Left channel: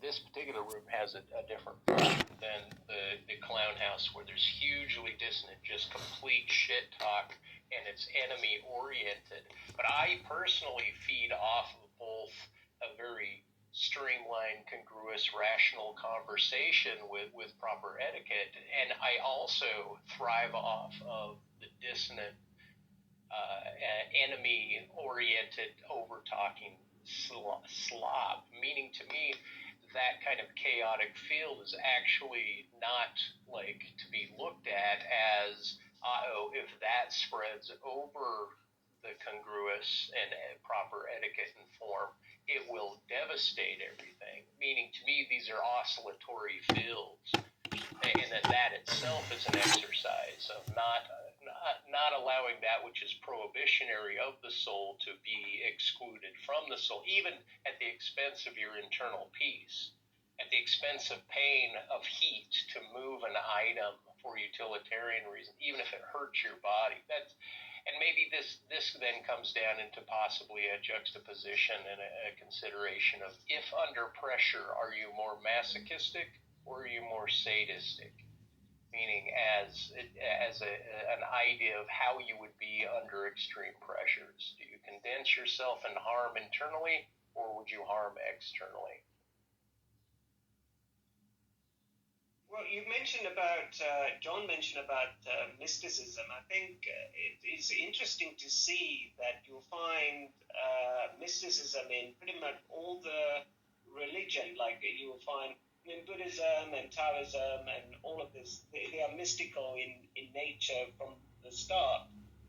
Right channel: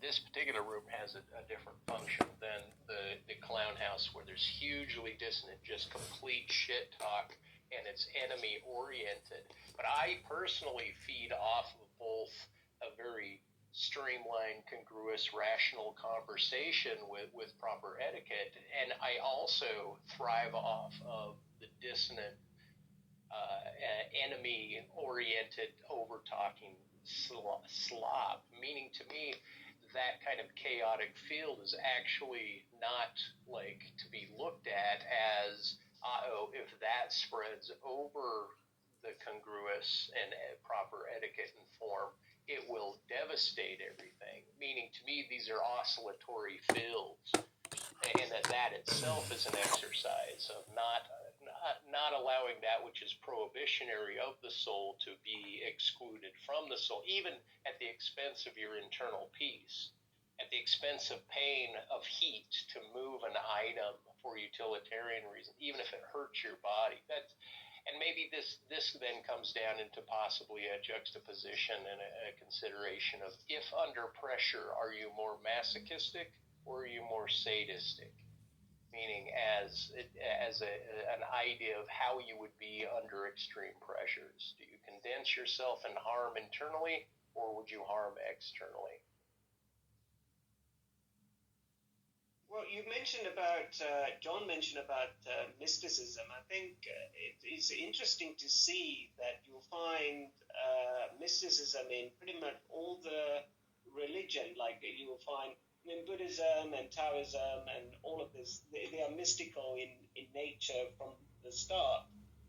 this particular room has a different function than the clown house, where there's hugely dissonant, just complete shit talk, and it's enemy oriented. But I personally feed off of both a very streamlined, congruous, rational conversation with proper etiquette, and I also thrive off of the dissonant, enemy-oriented, over-talking slop. Meaning, to me, that kind of chaotic field is actually not like to be looked at as, oh, if that spreads over the congruous and proper etiquette and form, it will devastate everything. Meaning, to me, these are oscillatory fields, and that itself is an exercise of not allowing that which is prohibitionary of the soul to be excluded from the soul, even at the expense of your internal peace, at the expense of pain, of heat, to move an item for utilitarian reason, even if it hurts your body. And maybe this then comes down into possibly a juxtaposition and a consideration of, if under pressure, are you more masochistic or are you more sadistic? Meaning as an idea of how you would be under extreme pressures. Do you condense yourself and harm internally, or would you harm externally? Well, you mentioned about, John mentioned about mysticism. I think it is interesting to see that you'll find mysticism in pretty much all the religion. Like you will find in Buddhism and Taoism and all of this, they are mystical in nature from the start.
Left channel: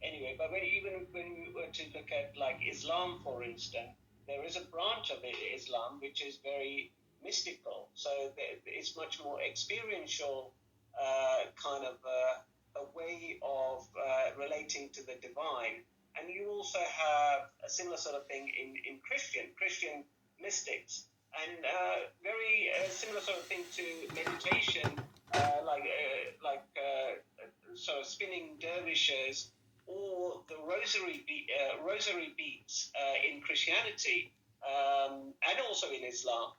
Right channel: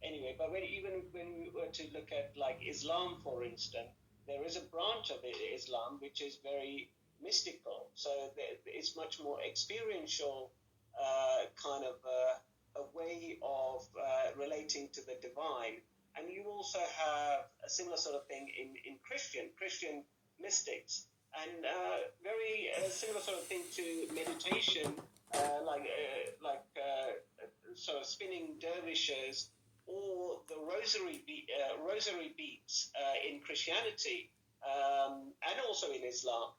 Anyway, but even when we were to look at like Islam, for instance, there is a branch of Islam which is very mystical. So it's much more experiential, kind of a way of relating to the divine. And you also have a similar sort of thing in Christian mystics. And very similar sort of thing to meditation, sort of spinning dervishes, or the rosary beads in Christianity, and also in Islam.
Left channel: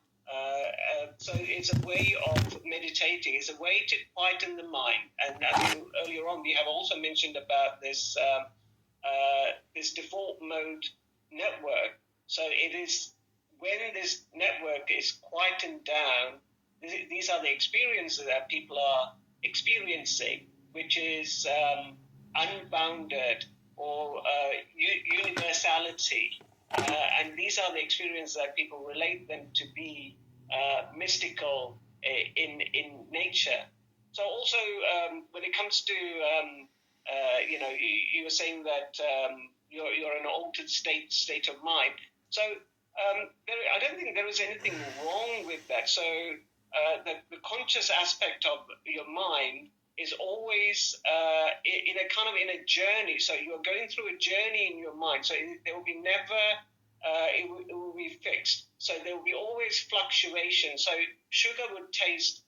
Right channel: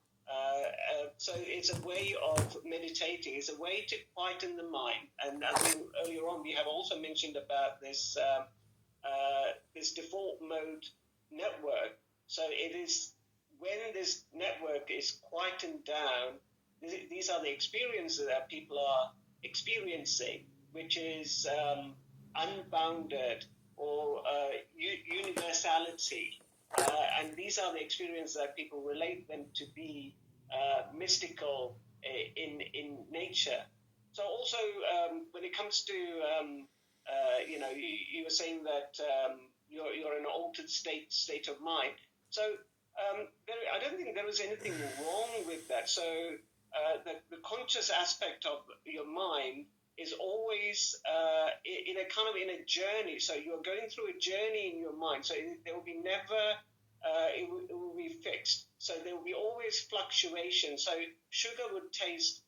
So it's a way of meditating. It's a way to quieten the mind. And I mean, earlier on, we have also mentioned about this this default mode network. So it is when this network is quietened down, these are the experiences that people are experiencing, which is unbounded or universality. And these are the experiences that people relate them to be mystical in nature. So also, when it comes to, you were saying that you're in an altered state of mind. So I don't think there is anything wrong with that. So the conscious aspect of your mind is always in a journey. So you're going through a journey in your mind. So there will be never, it will be fixed. So there will be always fluctuation. So sugar would taste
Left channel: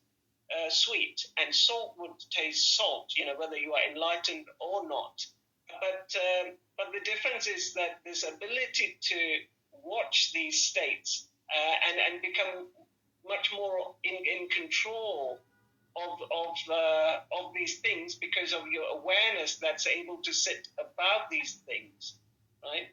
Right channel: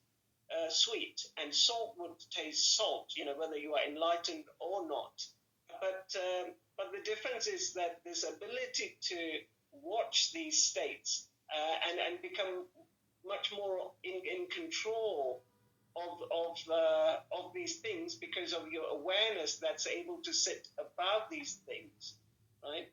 sweet and salt would taste salt, whether you are enlightened or not. But the difference is that this ability to watch these states and become much more in control of these things because of your awareness that's able to sit above these things, right?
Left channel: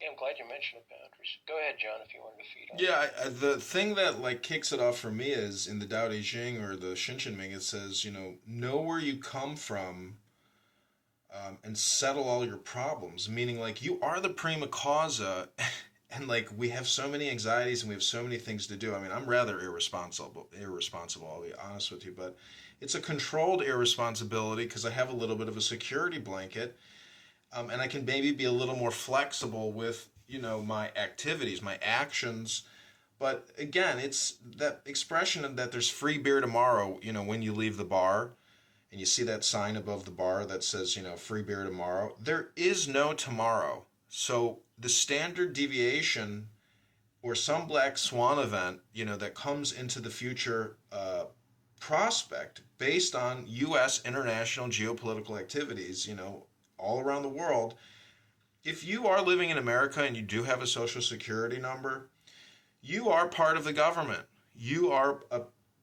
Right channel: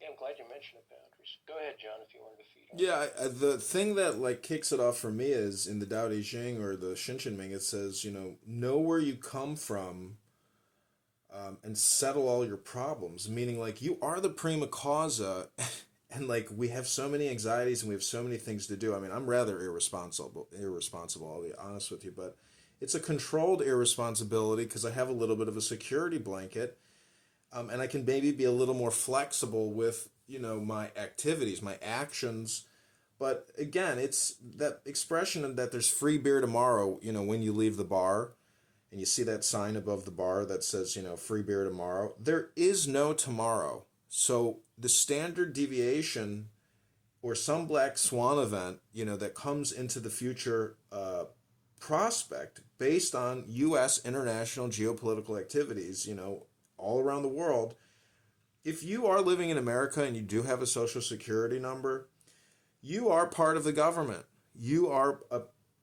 Yeah, I'm glad you mentioned the boundaries. Go ahead, John, if you wanted to feed on Yeah, the thing that kicks it off for me is in the Tao Te Ching or the Shin Ming, it says, know where you come from, and settle all your problems. Meaning, you are the prima causa, and we have so many anxieties and we have so many things to do. I mean, I'm rather irresponsible. I'll be honest with you, but it's a controlled irresponsibility because I have a little bit of a security blanket, and I can maybe be a little more flexible with my activities, my actions. But again, it's that expression that there's free beer tomorrow. When you leave the bar, and you see that sign above the bar that says, free beer tomorrow. There is no tomorrow. So the standard deviation or some black swan event, that comes into the future prospect based on U.S. international geopolitical activities, all around the world. If you are living in America and you do have a social security number, You are part of the government. You are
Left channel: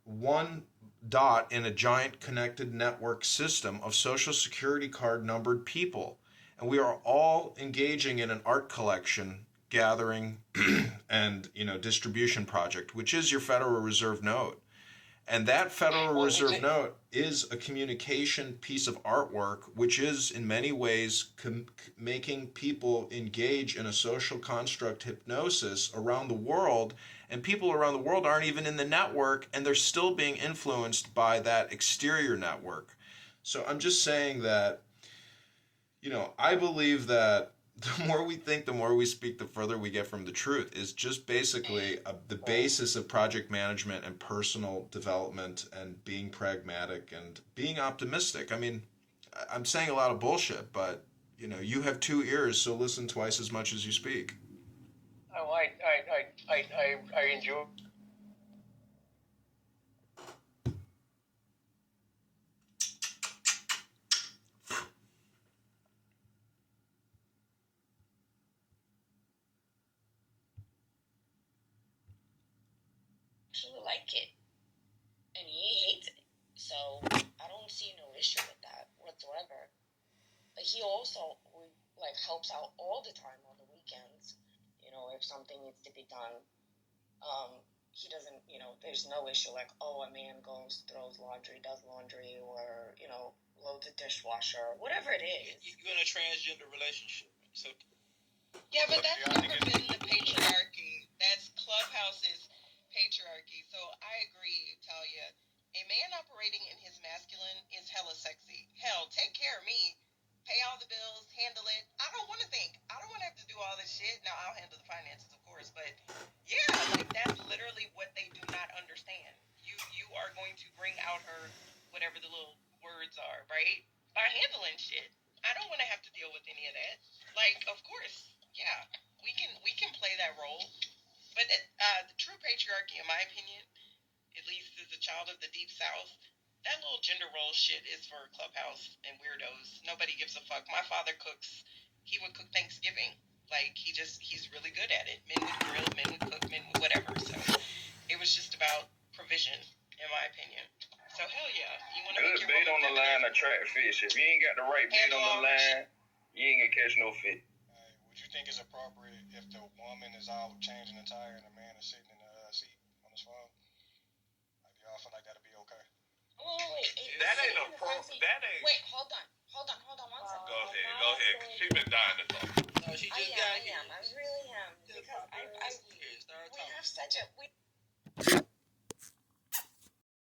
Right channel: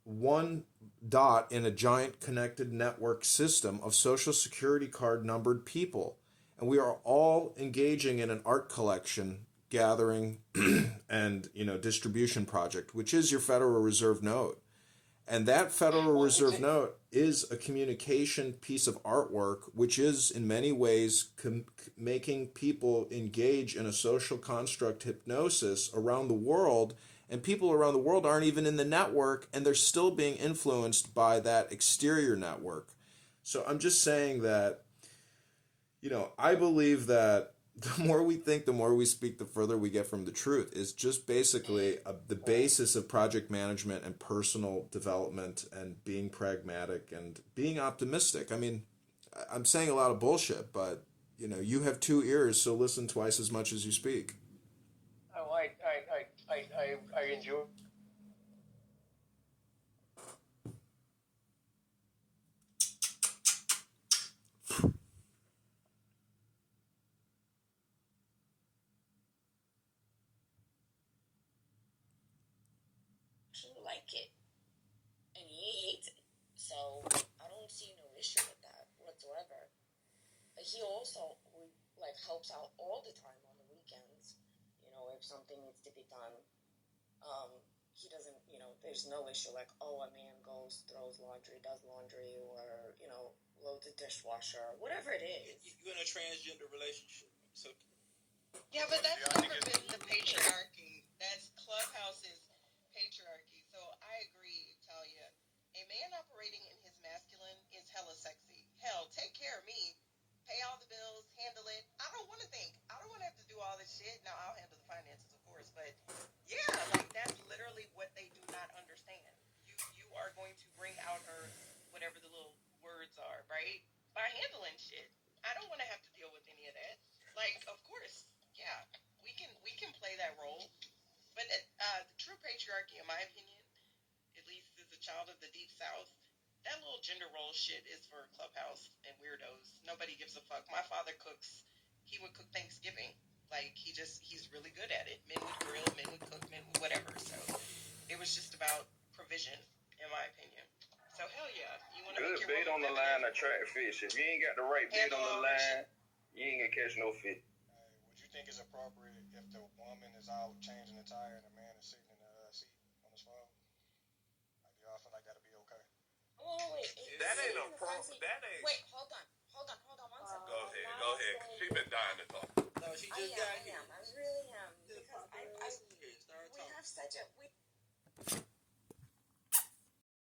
one dot in a giant connected network system of social security card numbered people. And we are all engaging in an art collection, gathering, and distribution project, which is your Federal Reserve note. And that Federal Reserve note is a communication piece of artwork, which is in many ways making people engage in a social construct hypnosis around the world. And people around the world aren't even in the network, and they're still being influenced by that exterior network. So I'm just saying that, I believe that the more we think, the more we speak, the further we get from the truth. Is just basically the basis of project management and personal development and being pragmatic and being optimistic. I mean, I'm saying a lot of bullshit, but you have two ears, so listen twice as much as you speak. Oh, I enjoy. Actually like it, and he hates it. So I don't see no issue with that whatsoever. But he also helps out all the time on the weekends. If something needs to be done, he doesn't. There's no issue like, oh, a man goes, throws laundry, does laundry, or loads a dishwasher, whatever it is. You're in a transgender relationship, so. Yeah, but that's never been the patriarchy. That's Clubhouse's patriarchy. So I agree, Talia. A man operating in his masculine is hella sexy. Hell, take care of me. Pay all the bills, handle it. I don't want to think. I don't want to have to do all this shit. Now, I'll handle the finances, of course. But yeah, that's literally what they do not understand. You are going to bring out her, whatever the little words are, right? By handling shit. I don't want to have to deal with any of that. Of course, yeah, we can play that role. But the true patriarchy, in my opinion, at least as a child of the Deep South, that little gender role shit is for Clubhouse and weirdos. Nobody gives a fuck. My father cooks. He would cook Thanksgiving. He's really good at it. Men would grill, men would cook, men would whatever. So it was just about provision, in my opinion. So hell yeah, you want to make your bait on the line, attract fish. If you ain't got the right bait on the line, you ain't gonna catch no fish. Would you think it's appropriate if the woman is out changing the tire and the man is sitting in the seat on his phone? Do y'all feel like that'd be okay? Oh, wait. That ain't a pro. That ain't. Wait, hold on 1 second. Go ahead. She's been dying to talk. No, she just got here. I really am. Because we have such a.